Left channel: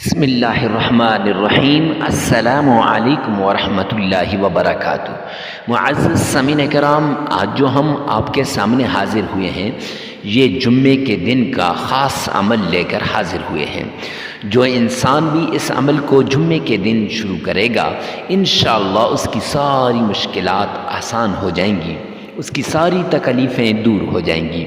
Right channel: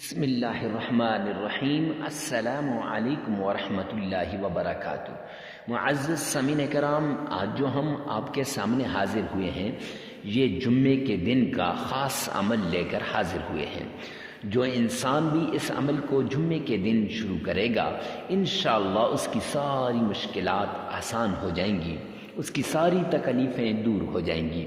بسم اللہ الرحمن الرحیم۔ السلام علیکم ورحمۃ اللہ وبرکاتہ۔ معزز سامعین کرام، آج جو ہم آپ کے سامنے حاضر ہوئے ہیں یہ جمعے کے دن کا خاص عمل لے کر حاضر ہوئے ہیں۔ جو انسان بھی اس عمل کو جمعے کے دن شروع کرے گا انشاءاللہ اس کی ساری مشکلات آسان ہو جائیں گی، اس کی ساری تکلیفیں دور ہو جائیں گی۔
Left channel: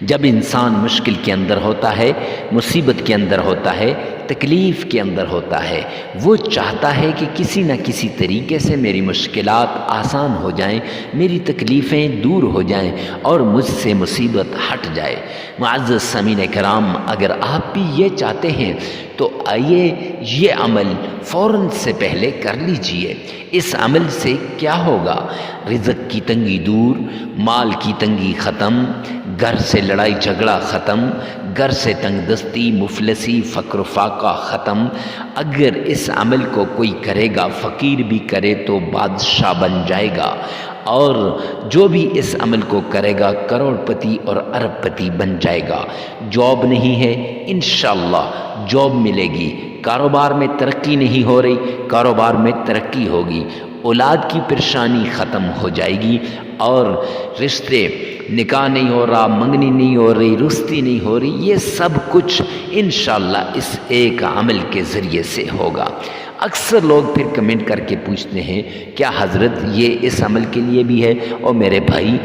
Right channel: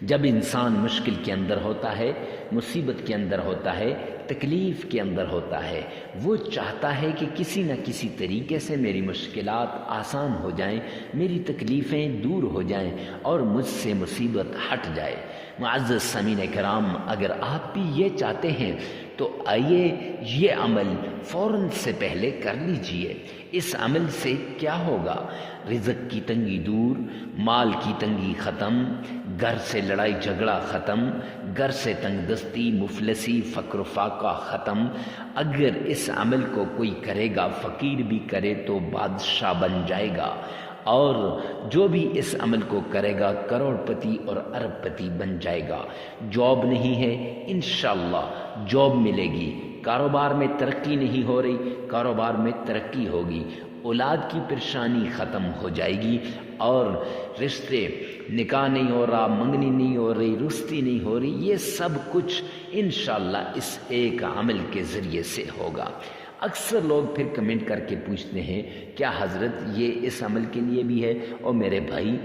جب انسان مشکل کے اندر ہوتا ہے، مصیبت کے اندر ہوتا ہے، تکلیف کے اندر ہوتا ہے، وہ چاہتا ہے کہ کسی نہ کسی طریقے سے میری مشکلات آسان ہو جائیں، میری تکلیفیں دور ہو جائیں اور مجھ سے مصیبت ہٹ جائے۔ معزز سامعین کرام، اگر آپ بھی یہ چاہتے ہیں تو آئیے یہ عمل فوراً سے پہلے کر لیجئے۔ اس عمل سے کیا ہوگا؟ رزق کی تنگی دور، مال کی تنگی ختم، گھر سے لڑائی جھگڑا ختم، گھر سے تنگ دستی، مفلسی، فقر و فاقہ ختم۔ اگر اس عمل کو کوئی کرے گا، فقیر بھی کرے تو بادشاہ بن جائے گا، اور جو بھی اس عمل کو کرے گا کروڑ پتی اور ارب پتی بن جائے گا۔ جاب نہیں ہے، انشاءاللہ جاب ملے گی۔ کاروبار میں ترقی نہیں ہو رہی، کاروبار میں ترقی ہوگی۔ اولاد کی پریشانی ختم ہو جائے گی، اور رشتے، نکاح نہیں ہو رہا، منگنی نہیں ہو رہی، رستی نہیں ہو رہی، یہ سب کچھ انشاءاللہ اس ایک عمل کے ذریعے سے ہوگا۔ اکثر لوگ پھر کمنٹ کر کے پوچھتے ہیں کیا حضرت یہ اس عمل کے لیے بھی ہے؟ اور میرے بھائی،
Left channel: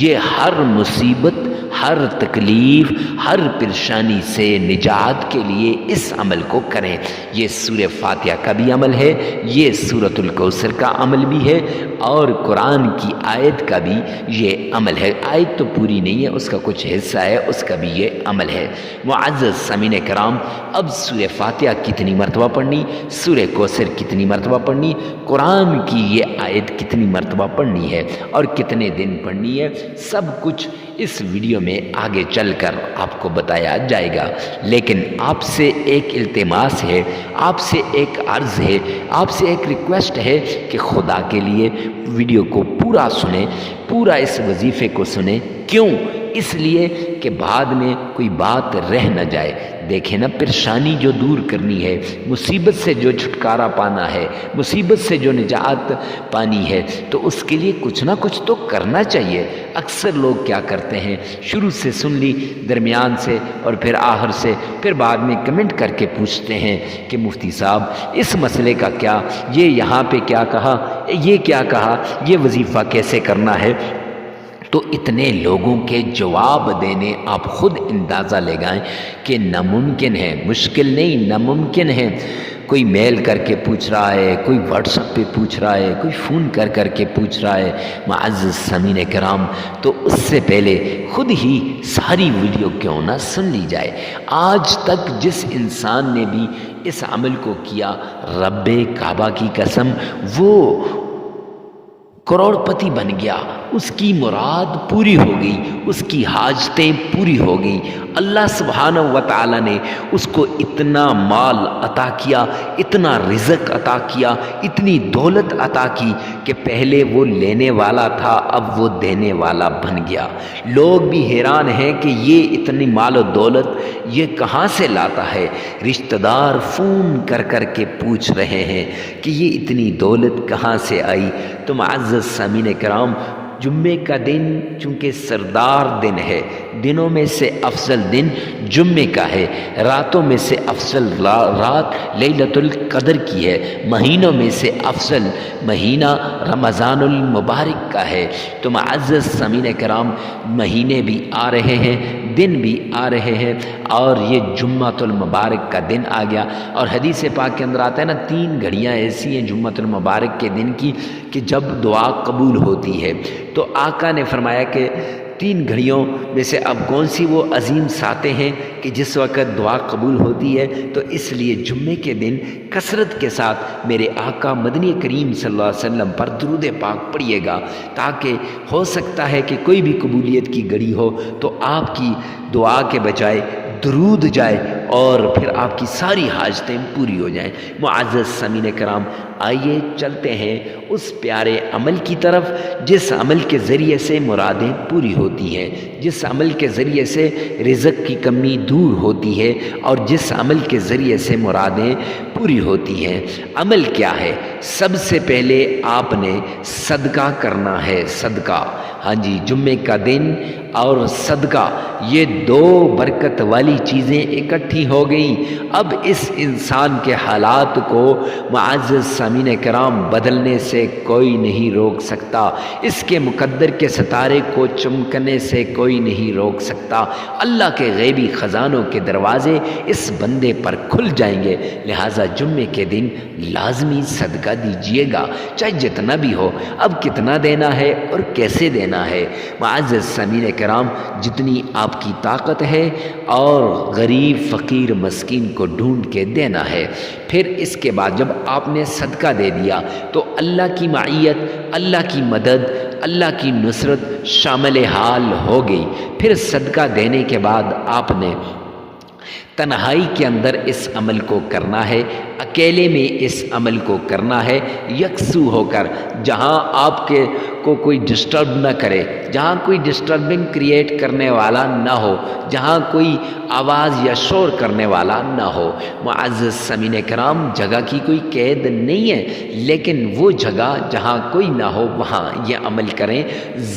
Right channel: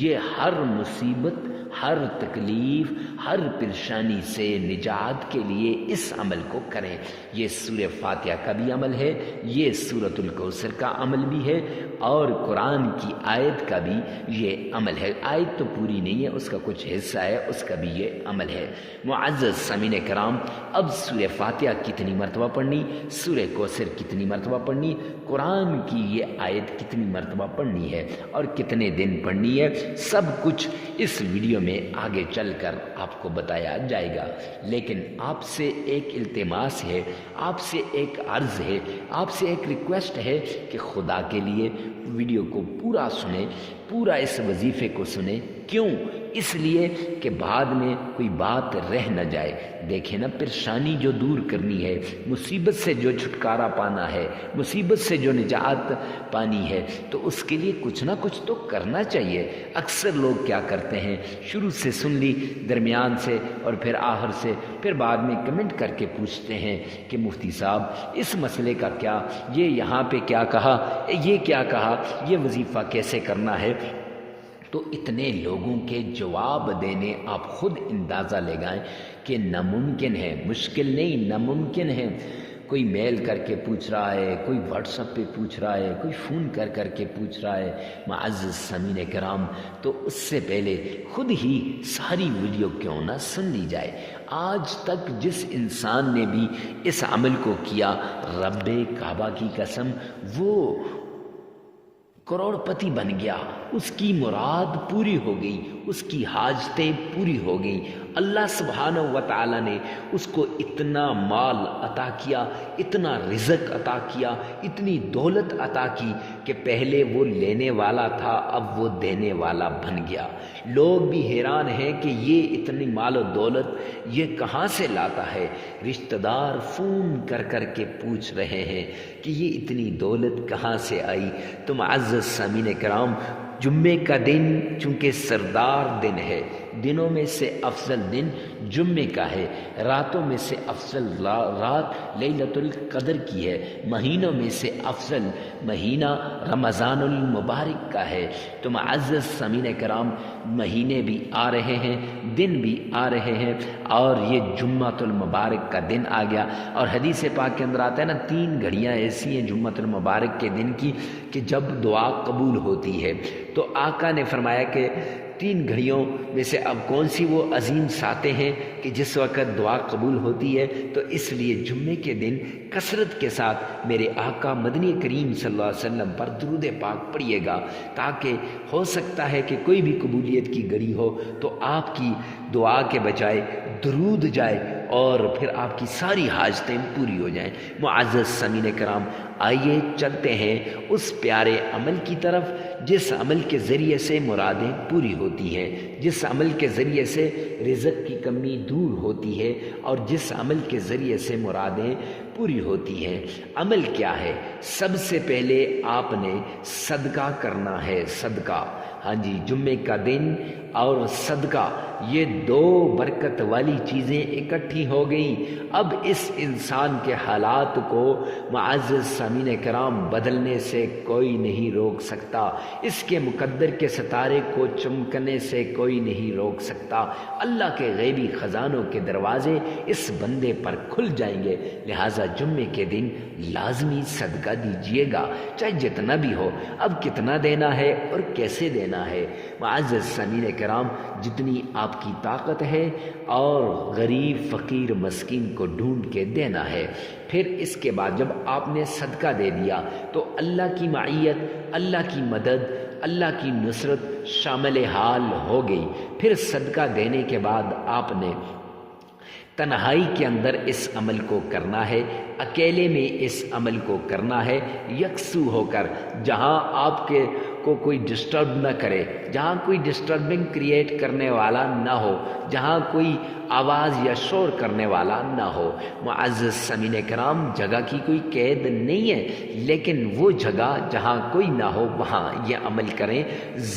یہ ہر مصیبت، ہر تکلیف، ہر پریشانی سے نجات کے لیے اس عمل کو کریں۔ یہ سورہ فاتحہ کا بھی عمل ہے، یہ سورۃ الکوثر کا عمل بھی ہے، اور قرآن کی آیت کا بھی یہ عمل ہے۔ آیت تو پوری نہیں ہے، اس کا کچھ حصہ ہے، اس کا بھی یہ عمل ہے۔ معزز سامعین کرام، اب سورہ فاتحہ کتنی مرتبہ پڑھنی، سورہ کوثر کتنی مرتبہ پڑھنی، قرآن کی یہ آیت کتنی مرتبہ پڑھنی ہے اور کتنے دن پڑھنی ہے، سب کچھ اس ویڈیو میں آگے چل کر آپ کو بتایا جائے گا۔ لیکن آپ سے ایک التماس ہے، آپ سے ایک عرض ہے، آپ سے ایک ریکویسٹ ہے کہ خدا کے لیے ویڈیو کو پورا سنیں، پورا اس وظیفے کو سنیں۔ کیوں؟ اس لیے کہ بعد میں کوئی بات رہ نہ جائے۔ دیکھیں نا، پریشانی جو دور کرنی ہے، مصیبت سے جو چھٹکارا پانا ہے، مصیبت سے جو نجات پانی ہے، تو اس کے لیے کچھ نہ کچھ تو کرنا چاہیے۔ اکثر لوگ کیا کرتے ہیں، شروع سے سن لی، درمیان سے اور پھر آخر سے، پھر بعد میں کمنٹ کر کے پوچھتے ہیں کہ مفتی صاحب اس مسئلے کا کیا، یہ یہاں پہ کیا کہا، یہ کیا کہا، یہ وظیفہ کیسے کرنا ہے؟ تو اتنے لوگوں کے جواب دینے آپ خود اندازہ لگائیں کہ ناممکن ہے، مشکل نہیں، ناممکن ہے۔ کوئی میل کر کے پوچھ رہا ہے، کوئی واٹس ایپ پہ پوچھ رہا ہے، کوئی فون کر کے پوچھ رہا ہے۔ معزز سامعین کرام، تو اس سے پہلے خود ہی ساری ویڈیو کیوں نہ سن لی جائے۔ آج تک جس انسان نے بھی اس عمل کو کیا، رب کعبہ کی قسم، وہ کروڑ پتی بن گیا، اس کی مراد پوری ہو گئی، اس کی حاجتیں پوری ہو گئی۔ اللہ سبحانہ و تعالی نے اس کو اتنا مال عطا کیا، اتنا رزق عطا کیا، اتنی دولت عطا کی کہ پہلے وہ لینے والا تھا، اب وہ دینے والا بن گیا۔ لوگ بھی حیران ہیں کہ یہ اتنی مال و دولت یہ کہاں سے لاتا ہے۔ رشتہ دار فون کر کے پوچھ رہے ہیں کہ یہ اتنی دولت کہاں سے آئی۔ تو معزز سامعین کرام، جمعے کا دن چونکہ سردار دن ہے، دنوں میں سے افضل دن جمعے کا ہے، راتوں میں سے افضل رات لیلۃ القدر کی ہے، مہینوں میں سے افضل مہینہ رمضان المبارک کا ہے۔ تو معزز سامعین کرام، مہینے بھی آ رہے ہیں، دن بھی آ رہے ہیں، اور یہ جمعۃ المبارک کا دن آ گیا۔ اور حدیث پاک کے اندر آتا ہے نا، 3 گھڑیاں ایسی ہیں جمعۃ المبارک کے دن کی کہ جب دعا قبول ہوتی ہے۔ تو آقا نے فرمایا کہ 3 گھڑیوں میں سے اب کون سی وہ عظیم ساتیں ہیں کہ جس وقت دعا قبول ہوتی ہے؟ تو اس لیے جمعے کے دن کثرت کے ساتھ میرے آقا مدنی کریم صلی اللہ علیہ وسلم پر درود پاک پڑھیے گا، تاکہ ہو سکتا ہے کہ کوئی بھی قبولیت کی گھڑی ہو تو آپ کی دعا کے بجائے درود جائے اور پھر آپ کی ساری حاجتیں پوری ہو جائیں۔ معزز سامعین کرام، آئیے چلتے ہیں اس پیارے عمل کی طرف جس عمل کے ذریعے سے مرادیں پوری ہوتی ہیں، جس عمل کے ذریعے سے رزق کی کمی دور ہوتی ہے اور جس عمل کے ذریعے سے مرادیں پوری ہوتی ہیں۔ عمل کیا ہے؟ سب سے پہلے آپ نے صدقہ کرنا ہے، صدقہ۔ ہاں جی، جمعے کا دن اور صدقہ، یہ دو برکت والی چیزیں اکٹھی ہو گئیں۔ اب اس انسان کے حالات کو معزز سامعین کرام بدلنے سے کوئی نہیں روک سکتا، اس کے مقدر کے ستارے کو چمکنے سے کوئی نہیں روک سکتا۔ اللہ کے غیبی خزانوں کے دروازے اس بندے پر کھل جائیں گے، لہٰذا جمعے کے دن لازمی صدقہ دیجیے گا، چاہے جتنا بھی ہو۔ اب کتنا دینا ہے اور کیسے دینا ہے؟ معزز سامعین کرام، جتنی آپ کی طاقت ہے اور غریب فقیر مسکین کو ڈھونڈ کے دینا ہے۔ پھر اس کے بعد جب آپ نے صدقہ دے دیا تو اللہ کی معیت، اللہ کی مدد، اللہ کی نصرت شامل حال ہو گئی۔ پھر صدقہ دینے کے بعد آپ نے تنہائی کے اندر اس عمل کو کرنا ہے، اکیلے میں اس عمل کو کرنا ہے، یکسو ہو کر، جہاں آپ کے کو کوئی ڈسٹرب نہ کرے، جہاں کوئی ڈسٹربنگ کریٹ کرنے والا نہ ہو، جہاں کوئی آواز یا شور کرنے والا نہ ہو۔ معزز سامعین کرام، جگہ کی کوئی قید نہیں ہے، لیکن وہ جگہ جہاں کوئی نہ ہو وہاں یہ عمل کریں۔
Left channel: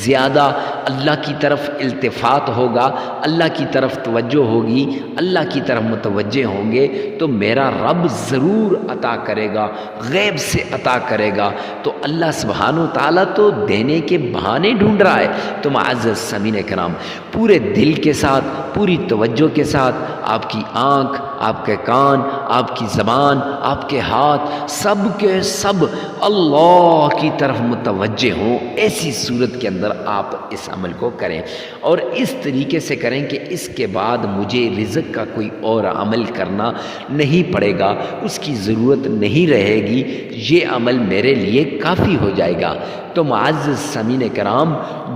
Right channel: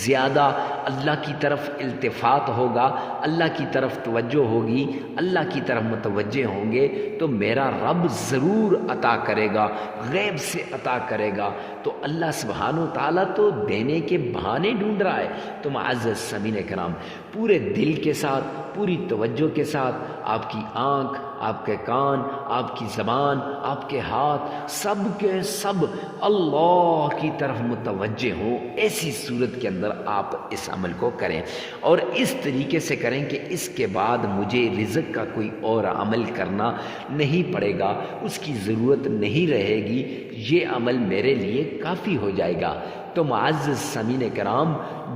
زیادہ اللہ کی طرف التفات ہوگا، اللہ کی طرف توجہ ہوگی، اللہ کی طرف متوجہ ہوں گے تو میرا رب ضرور عطا کرے گا، غیب سے عطا کرے گا۔ تو اللہ سبحانہ و تعالیٰ تو دینے کے بہانے ڈھونڈ رہا ہے۔ تو معزز سامعین کرام، پورے دل کے ساتھ، پوری توجہ کے ساتھ، آپ کی آنکھ، آپ کے کان، آپ کی زبان، آپ کے ہاتھ، سب کے سب اللہ کی طرف متوجہ ہوں، ایسی صورت کے اندر آپ اس عمل کو کریں، اور اس طریقے سے کریں کہ اس کے بعد مجھے رزق کا کوئی اور عمل کرنا نہیں پڑے گا، اس کی ضرورت نہیں رہے گی، یہ عمل میرے لیے کافی ہو جائے گا۔ تو معزز سامعین کرام،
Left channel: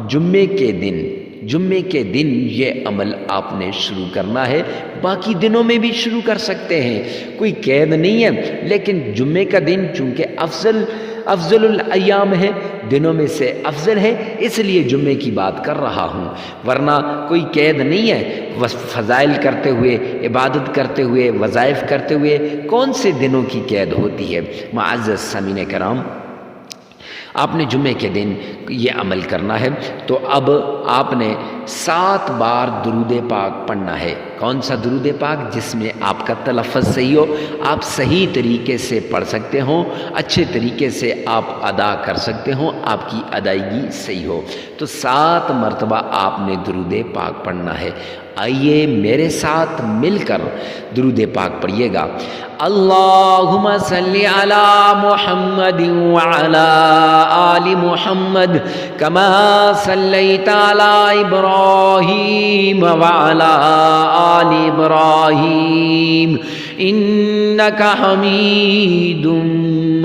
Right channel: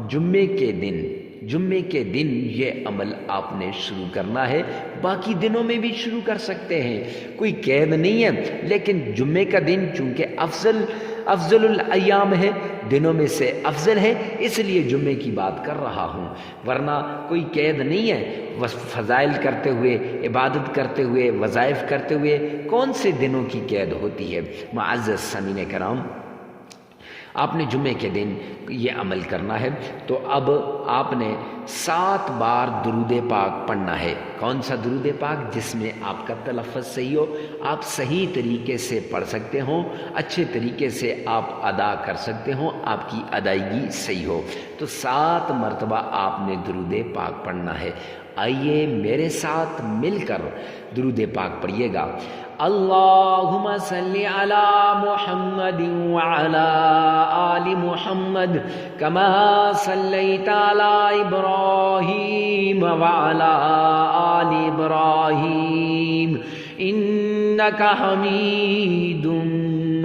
جمعے کے دن یہ عمل آپ نے شروع کرنا ہے، باقی دنوں میں بھی شروع کر سکتے ہیں، کوئی قید نہیں ہے، لیکن جمعے کا دن چونکہ افضل الایام ہے، دنوں میں سے افضل ہے، اس لیے جمعے کی بات کر رہا ہوں، ورنہ کوئی قید نہیں ہے۔ فضائل کرتے ہوئے، عبادت کرتے ہوئے، وظائف کرتے ہوئے کون سے دنوں کی قید ہوتی ہے؟ معزز سامعین کرام، آپ نے جمعے کے دن یہ عمل کرنا ہے، تو اب آپ نے 7 بار درود پاک پڑھنا ہے۔ کون سا درود پاک؟ جس میں آپ کا تلفظ صحیح ہو، آپ صحیح طریقے سے پڑھ سکتے ہوں، اچھے طریقے سے آپ ادا کر سکتے ہوں، آپ کی ادائیگی صحیح ہو۔ تو 7 مرتبہ آپ نے درود پاک پڑھنا ہے۔ آئیے میرے ساتھ مل کر درود پاک پڑھیے گا۔ اللہم صلی علی محمد وعلی آل محمد کما صلیت علی ابراہیم وعلی آل ابراہیم انک حمید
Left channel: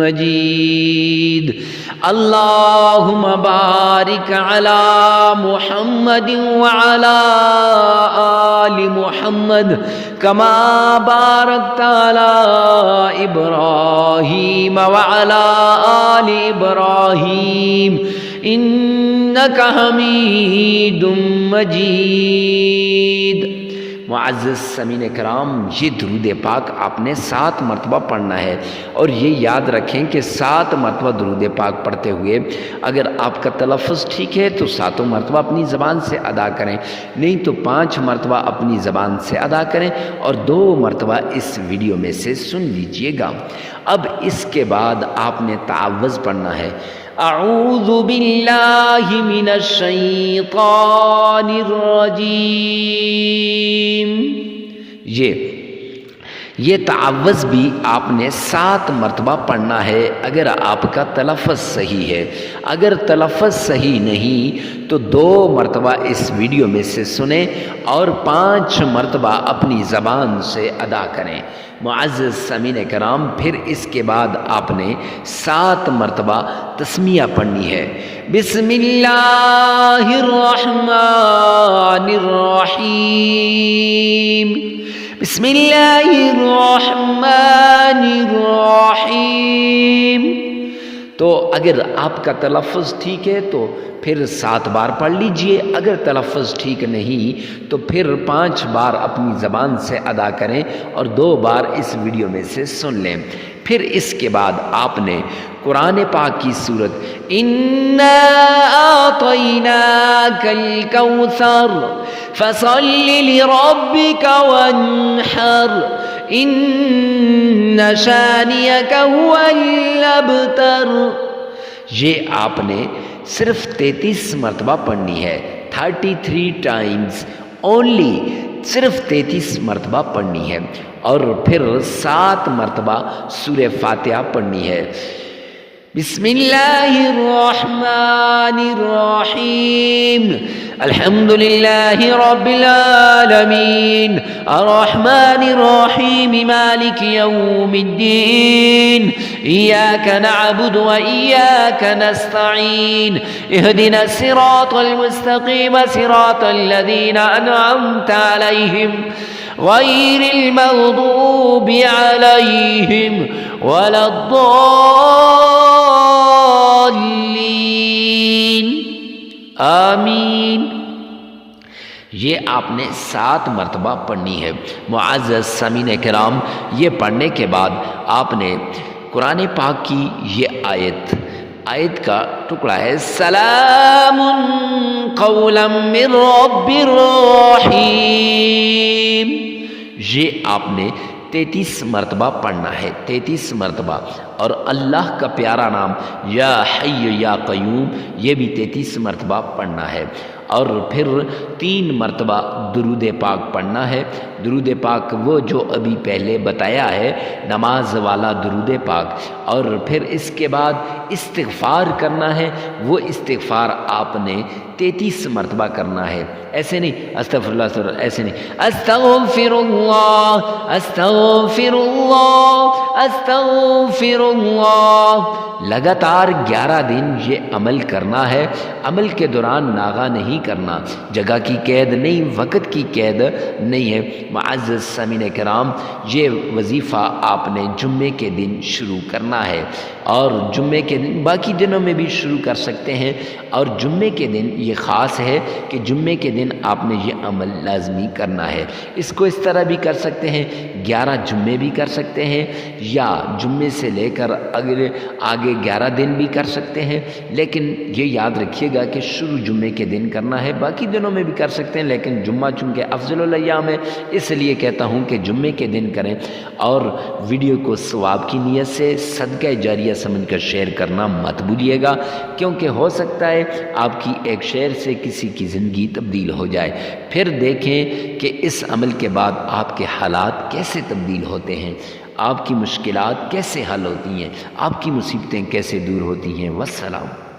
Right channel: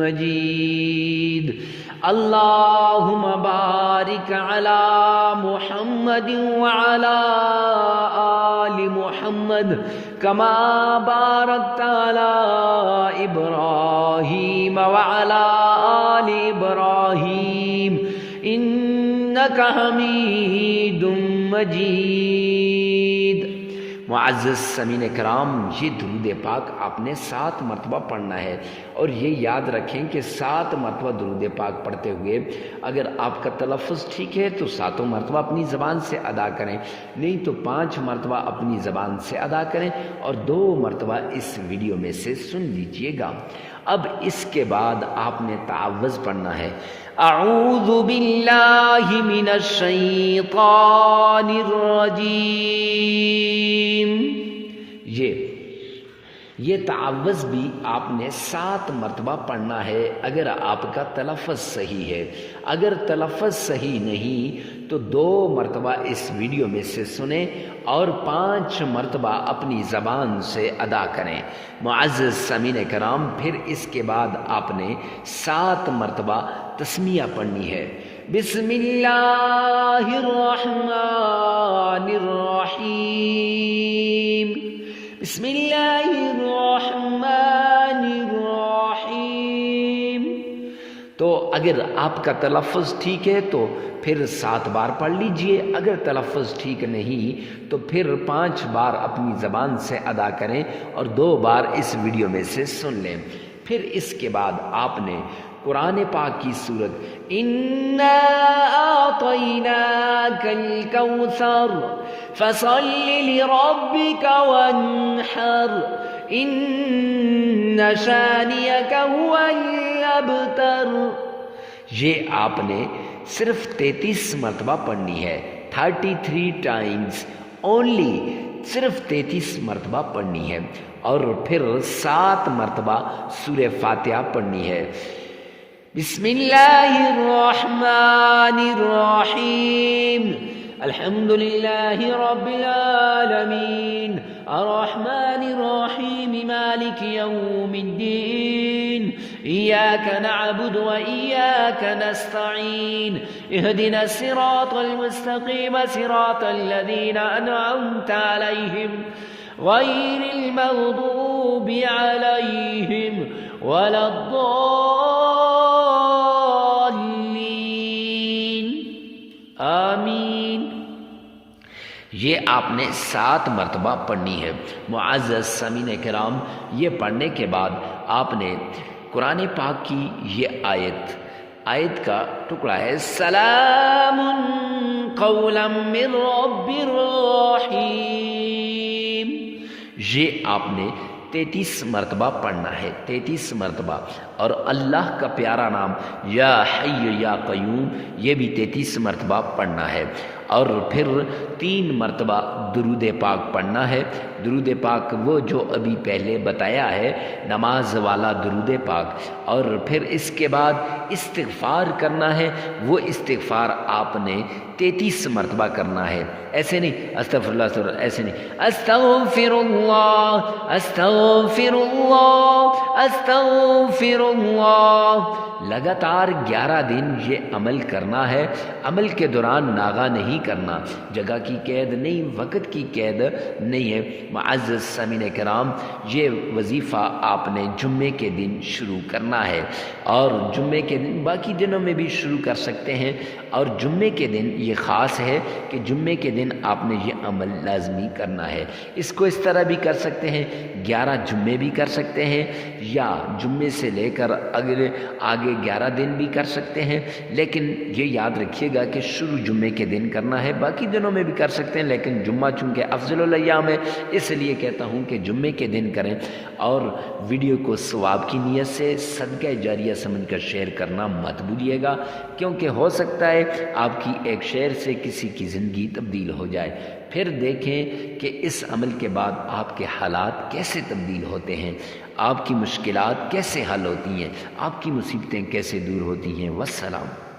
مجید۔ اللہم بارک علی محمد وعلی آل محمد کما بارکت علی ابراہیم وعلی آل ابراہیم انک حمید مجید۔ معزز سامعین کرام، یہ درود پاک آپ نے 7 مرتبہ پڑھنا ہے، اور یہ یاد رکھیں کہ 7 مرتبہ درود پاک پڑھتے ہوئے اگر آپ کا تلفظ ٹھیک ہے تو 7 مرتبہ اپنی زبان سے ادا کریں، نہیں تو 5 مرتبہ اپنی زبان سے ادا کریں، اور 2 مرتبہ اس ویڈیو میں سے سن لیجئے گا۔ اب اس کے بعد آپ نے تعوذ پڑھنا ہے۔ اعوذ باللہ من الشیطان الرجیم۔ یہ تعوذ بھی آپ نے 7 مرتبہ پڑھنا ہے اگر آپ کا تلفظ صحیح ہے۔ اگر تلفظ صحیح نہیں تو 2 مرتبہ اس ویڈیو میں سے سنیں اور 5 مرتبہ اپنی زبان سے ادا کریں۔ معزز سامعین کرام، پھر اس کے بعد آپ نے 7 مرتبہ تسمیہ پڑھنی ہے۔ بسم اللہ الرحمن الرحیم، بسم اللہ الرحمن الرحیم، تو اگر آپ کا تلفظ ٹھیک ہے تو پھر 7 بار پڑھ لیجئے، اگر تلفظ ٹھیک نہیں تو پھر 5 بار اپنی زبان سے ادا کریں اور 2 بار اس ویڈیو میں سے سن لیں۔ پھر اس کے بعد آپ نے قرآن پاک کی سورت اِنَّا أَعْطَيْنَاكَ الْكَوْثَرَ فَصَلِّ لِرَبِّكَ وَانْحَرْ إِنَّ شَانِئَكَ هُوَ الْأَبْتَرُ، یہ آپ نے صرف 33 مرتبہ پڑھنی ہے، 33 ٹائمز اونلی، صرف 33 مرتبہ پڑھنی ہے، اور پھر 7 مرتبہ سورہ فاتحہ پڑھنی ہے۔ بسم اللہ الرحمن الرحیم، الحمد للہ رب العالمین، الرحمن الرحیم، مالک یوم الدین، ایاک نعبد و ایاک نستعین، اہدنا الصراط المستقیم، صراط الذین انعمت علیہم غیر المغضوب علیہم ولا الضالین، آمین۔ یہ آپ نے 7 مرتبہ پڑھنی ہے۔ معزز سامعین کرام، یہ پڑھنے کے بعد آپ نے قرآن پاک کی یہ آیت کا ٹکڑا ہے، سلام قولا من رب الرحیم، یہ آپ نے 33 مرتبہ پڑھنا ہے، 33 مرتبہ، اور اللہ کا پیارا نام یا حی یا قیوم یہ بھی 33 مرتبہ پڑھنا ہے، اور پھر 3 مرتبہ درود پاک پڑھنا ہے۔ درود پاک وہ جو ابھی پہلے بتایا ہے، نماز والا درود پاک، اور پھر اس کے بعد استغفار کرنا ہے، وہ استغفار آپ نے 33 مرتبہ کرنا ہے، ایسے نہیں استغفر اللہ، ایسے نہیں استغفر اللہ استغفر اللہ استغفر اللہ، لگاتار 11 دن یہ عمل کرنا ہے۔ عمل کے دوران ناغہ نہیں کرنا، جگہ کی قید نہیں، وقت کی قید نہیں ہے۔ معزز سامعین کرام، یہ وظیفہ آپ نے جمعے کے دن شروع کرنا ہے، اور جمعے کے دن باقی دنوں میں بھی شروع کر سکتے ہیں، اور جمعے کے دن یہ خاص ہے کہ جمعے کے دن آپ نے یہ عمل لازمی کرنا ہے۔ اس کو اس طرح بھی کر سکتے ہیں، 11 جمعے بھی کر سکتے ہیں، یا جمعے سے لے کر آگے 11 دن بھی کر سکتے ہیں، لیکن یہ یاد رکھیے گا کہ شروع جمعے کے دن کرنا ہے، باقی دنوں میں بھی کر سکتے ہیں، لیکن جمعہ چونکہ افضل الایام ہے، اس لیے کہتا ہوں کہ جمعے کے دن کریں، اور ویڈیو کو ثواب کی نیت سے صدقہ جاریہ سمجھ کر شیئر کرنا مت بھولیے گا، کیونکہ ہو سکتا ہے آپ کی ایک شیئر سے کسی کی زندگی تبدیل ہو جائے۔ پھر دیکھیں کہ اس عمل کے بعد آپ کے حالات کیسے تبدیل ہوتے ہیں، آپ کی مشکلات کیسے حل ہوتی ہیں، آپ کی مصیبتیں کیسے دور ہوتی ہیں۔ والسلام۔